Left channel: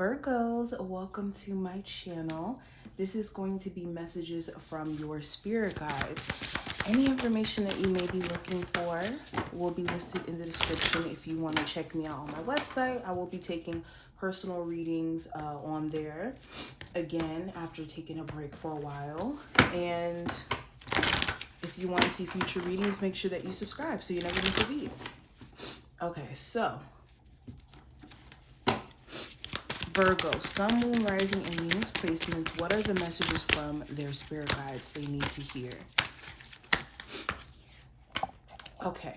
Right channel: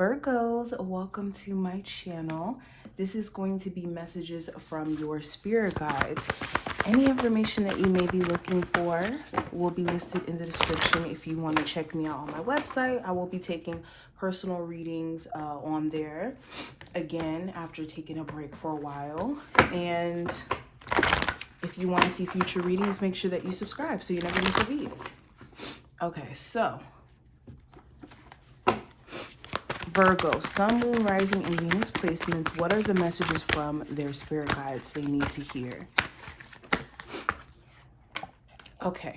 Virgos, welcome to my channel. This is going to be messages from your spirit guides. Any information that you may be looking for will be listed in the description if you want to check me out on my website. I will be taking personal readings on there, again, after taking a break for a while. And if you want to see future readings, make sure that you subscribe so you never miss a read. Okay, so Virgo, Sun, Moon, Rising, and Venus placements. What are the messages from their spirit guides they need to hear? Okay.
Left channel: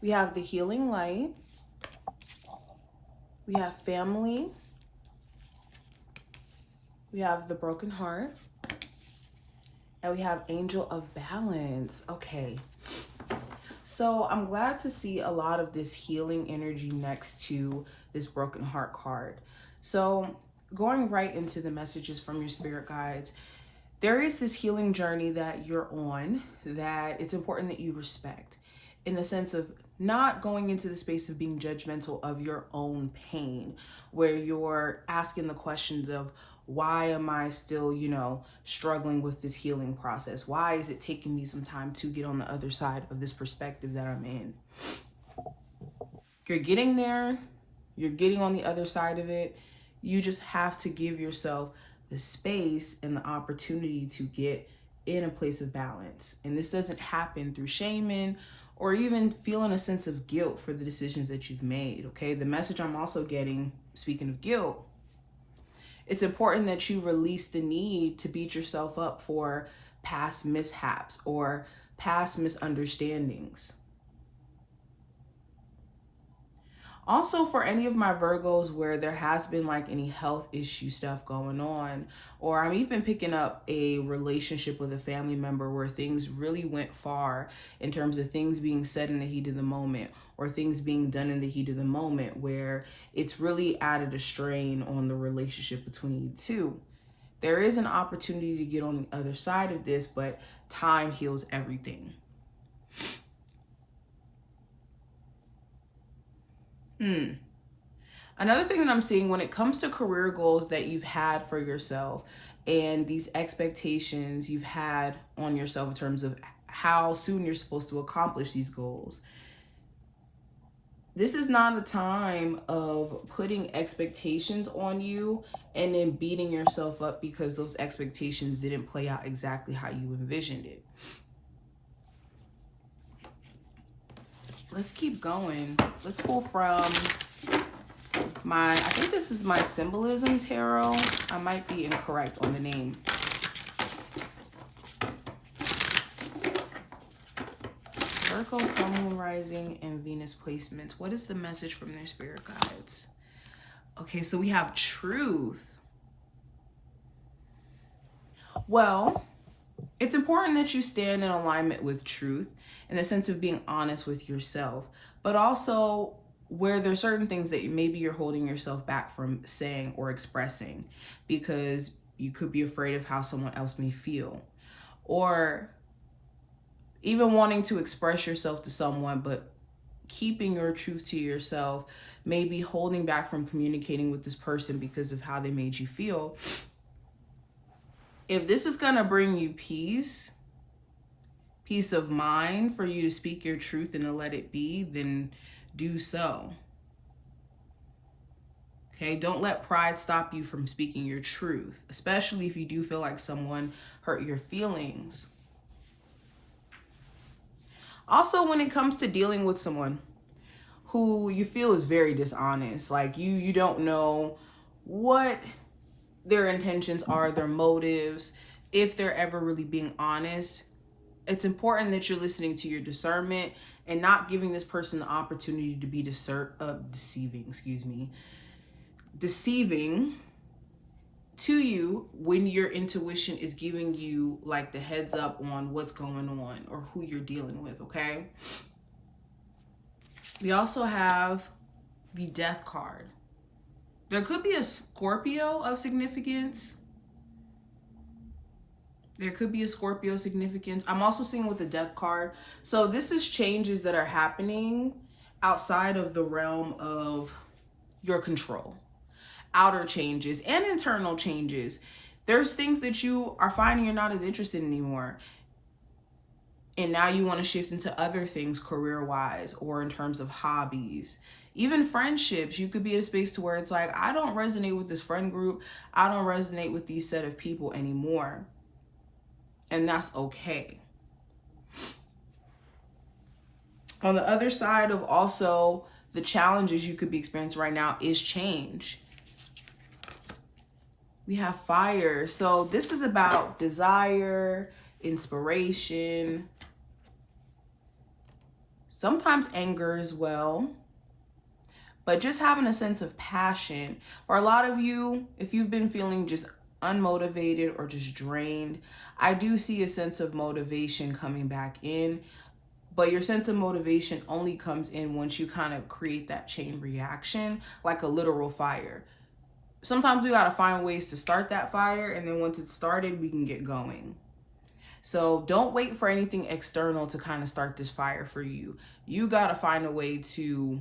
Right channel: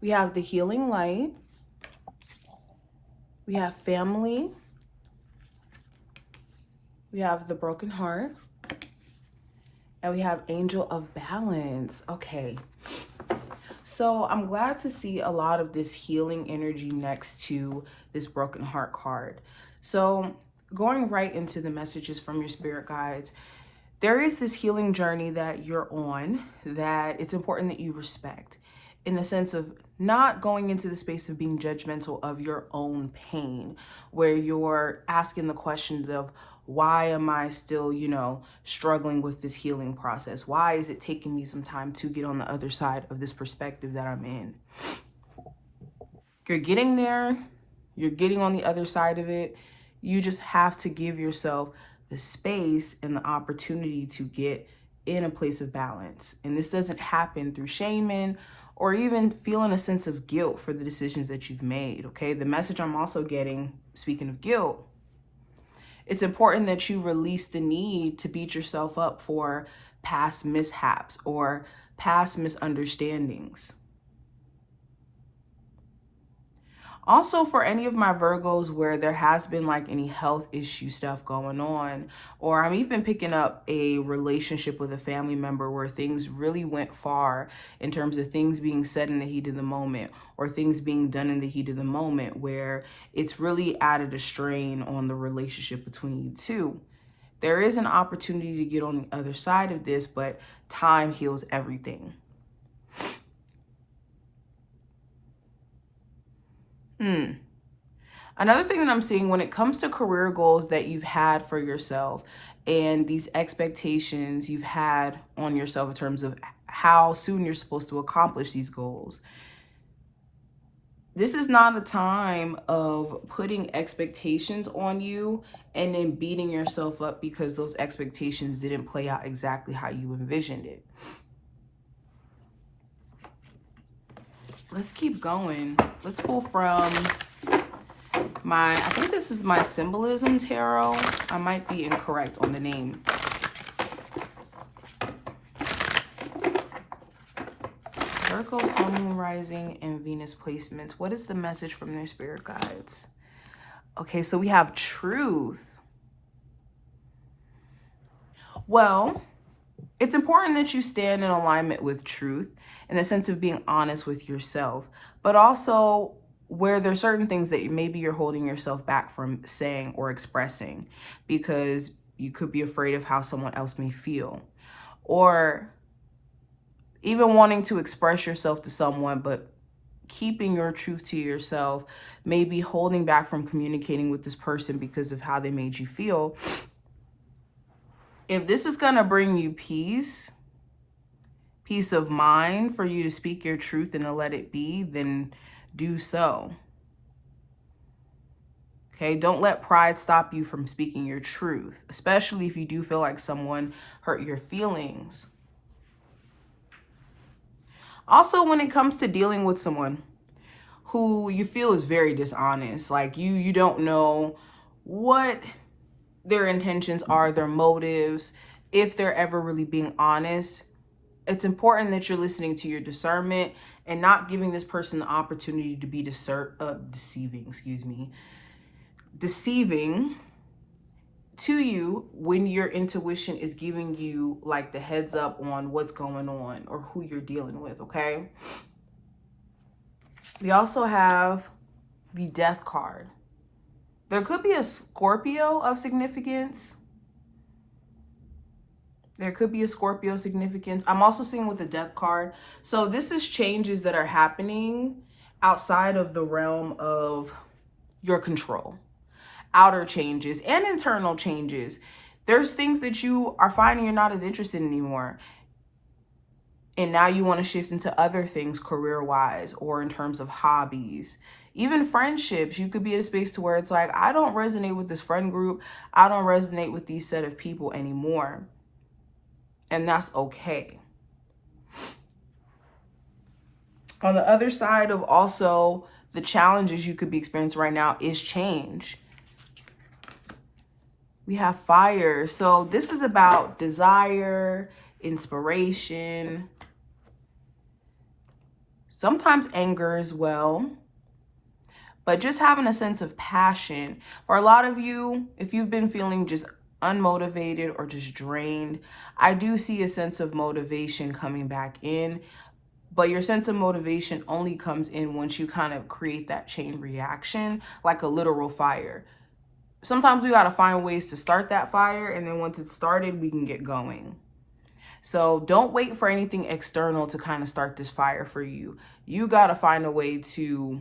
We have the healing light. We have family. We have the broken heart. And we have angel of balance. Okay. So I'm glad to see a lot of this healing energy next to this broken heart card. So going right into the messages from your spirit guides, there is this healing journey that you're on that it's important that you respect, in the sense of not going into the space of being judgmental of your own pain, where you're asking the questions of, why am I still, struggling with this healing process? Why is it taking me some time to get on the other side of this perspective that I'm in? You're getting there. You're getting on the other side of it. You just have to give yourself the space and the opportunity to get in a place of balance. And this doesn't happen through shaming or even feeling a sense of guilt for the decisions that you've made, okay? The message I'm also getting, speaking of guilt, it's important that you release the need to beat yourself up for past mishaps or past misunderstandings. Also, for any of my Virgos where there has been like any health issue stuff going on, or I'm even picking up a relationship with a family member where things really went far in terms of things being said in the heat of the moment, or things being done in the heat of the moment, where it's really added a strain on the relationship between you two. There is an opportunity to get on the other side of this, but time heals everything. Another thing that I'm seeing when it comes to career goals that you've had for yourself and these expectations you've had on yourself in terms of how soon you're supposed to accomplish these goals, this is not a time of putting expectations on you and then beating yourself up because those expectations didn't play out exactly how you envisioned it. Let's keep going. Let's pull from I think this is my Symbolism Tarot. I might be incorrect on the name. Virgo, Sun, Moon, Rising, and Venus placements. What is the message from their spirit guides? Okay, so we have truth. Well, it's important that you stand in alignment with truth in the sense of being honest with yourself, but also where there's certain things that maybe you're holding yourself back from saying or expressing because you could be afraid of how someone else may feel, or even wanting to express yourself to someone, but keeping your truth to yourself, maybe holding back from communicating with this person because of how they made you feel. If this is going to bring you peace of mind for you to speak your truth and to let it be, then do so. Okay, don't let pride stop you from speaking your truth, especially if you do feel like someone hurt your feelings. Also, when it comes to dealing with someone who you feel is very dishonest, like you don't know what their intentions are, their motives, if they're ever really being honest, it's important that you're listening to your discernment and not giving this person the opportunity to be deceiving to you when your intuition is giving you like the heads up on what's going on or who you're dealing with, okay? We also have the Death card. There could be a Scorpio of significance. There could be a Scorpio significance. I'm also seeing with the Death card. So this is changes that are happening outside of the realm of your control. outer changes and internal changes. There's things that you are finding you're not as interested in anymore. And now you want to shift into other things career-wise or in terms of hobbies. Even friendships, you could be in a space to where it's like, I don't resonate with this friend group. I don't resonate with these set of people anymore. And that's okay. On the other side of also the challenges you could be experiencing right now is change. We have fire. So this is about desire, inspiration, sometimes anger as well, but just having a sense of passion. For a lot of you, if you've been feeling just unmotivated or just drained, I do see a sense of motivation coming back in. But your sense of motivation only comes in once you kind of create that chain reaction, like a literal fire. Sometimes we got to find ways to start that fire, and then once it's started, we can get going. So don't wait for anything external to kind of start this fire for you. You got to find a way to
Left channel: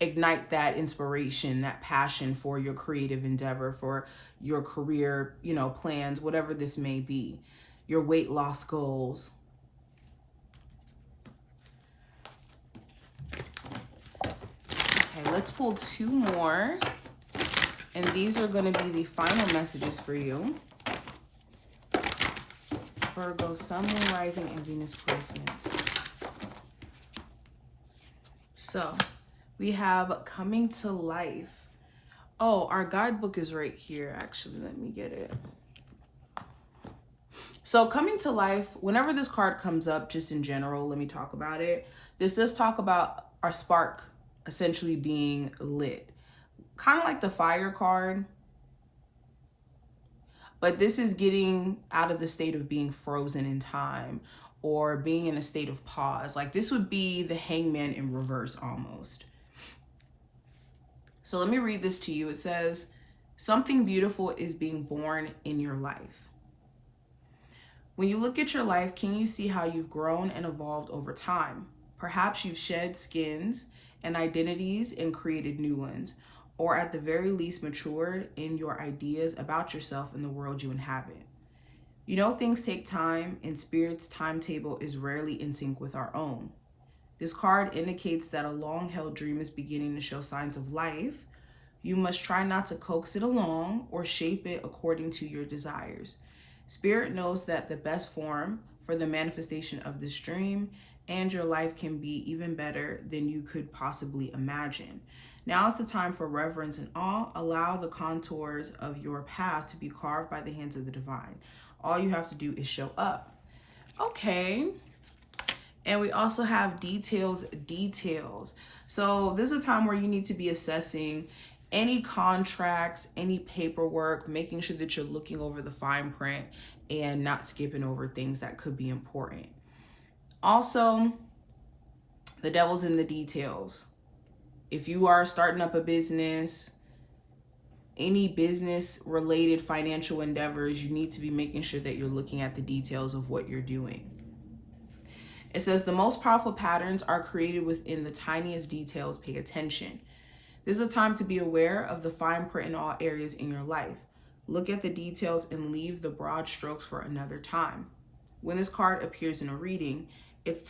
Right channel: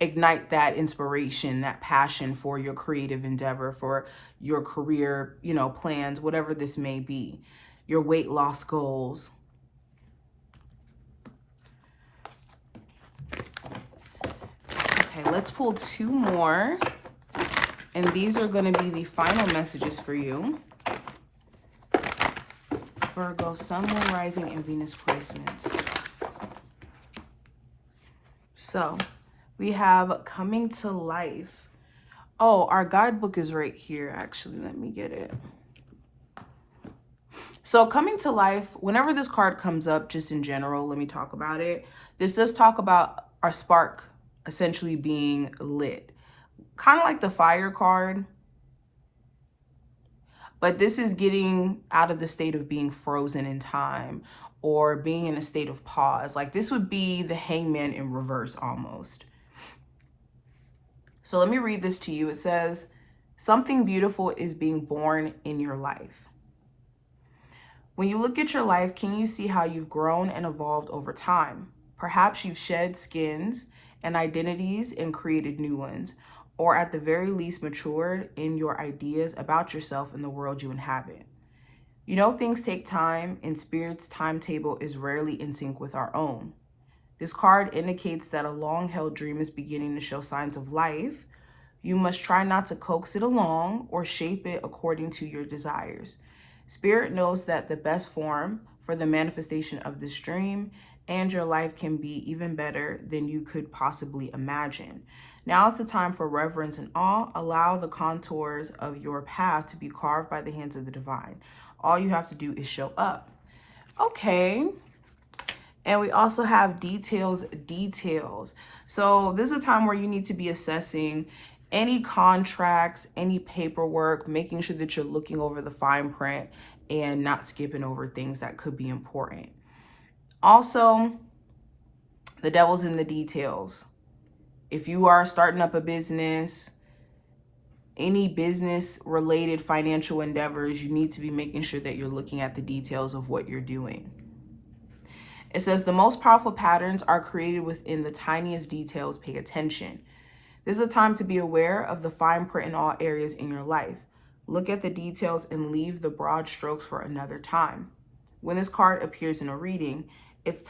ignite that inspiration, that passion for your creative endeavor, for your career, plans, whatever this may be, your weight loss goals. Let's pull 2 more, and these are going to be the final messages for you. Virgo, Sun, Moon, Rising, and Venus placements. So we have coming to life. Oh, our guidebook is right here. Actually, let me get it. So coming to life, whenever this card comes up, just in general, let me talk about it. This does talk about our spark essentially being lit, kind of like the fire card, but this is getting out of the state of being frozen in time or being in a state of pause. Like this would be the Hangman in reverse almost. So let me read this to you. It says, something beautiful is being born in your life. When you look at your life, can you see how you've grown and evolved over time? Perhaps you've shed skins and identities and created new ones, or at the very least matured in your ideas about yourself and the world you inhabit. Things take time, and Spirit's timetable is rarely in sync with our own. This card indicates that a long-held dream is beginning to show signs of life. You must try not to coax it along or shape it according to your desires. Spirit knows that the best form for the manifestation of this dream and your life can be even better than you could possibly imagine. Now is the time for reverence and awe. Allow the contours of your path to be carved by the hands of the divine. All you have to do is show up. Okay. And we also have details. So this is a time where you need to be assessing any contracts, any paperwork, making sure that you're looking over the fine print and not skipping over things that could be important. Also, the devil's in the details. If you are starting up a business, any business related financial endeavors, you need to be making sure that you're looking at the details of what you're doing. It says the most powerful patterns are created within the tiniest details. Pay attention. This is a time to be aware of the fine print in all areas in your life. Look at the details and leave the broad strokes for another time. When this card appears in a reading, it's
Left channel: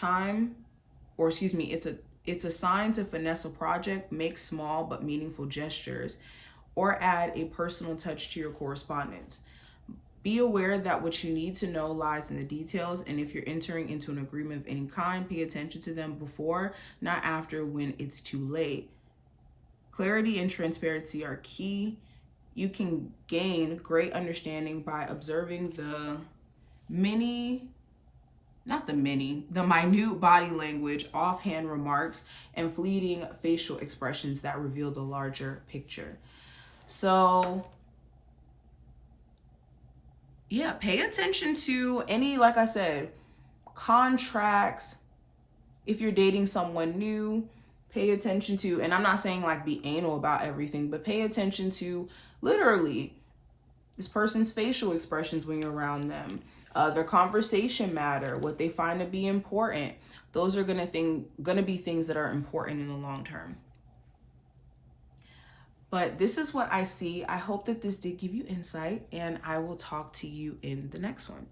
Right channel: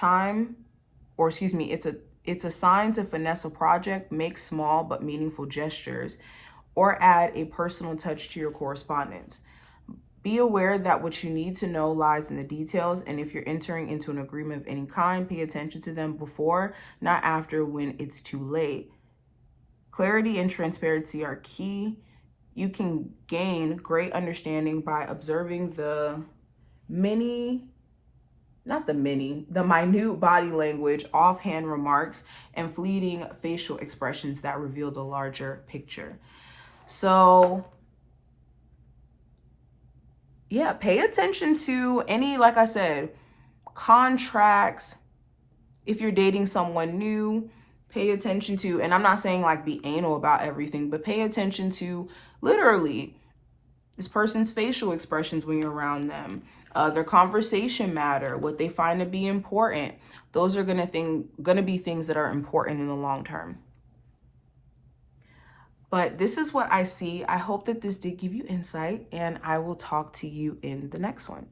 a sign to finesse a project, make small but meaningful gestures, or add a personal touch to your correspondence. Be aware that what you need to know lies in the details, and if you're entering into an agreement of any kind, pay attention to them before, not after, when it's too late. Clarity and transparency are key. You can gain great understanding by observing the minute body language, offhand remarks, and fleeting facial expressions that reveal the larger picture. So yeah, pay attention to any, like I said, contracts. If you're dating someone new, pay attention to, and I'm not saying like be anal about everything, but pay attention to literally this person's facial expressions when you're around them, their conversation matter, what they find to be important. Those are gonna be things that are important in the long term. But this is what I see. I hope that this did give you insight, and I will talk to you in the next one.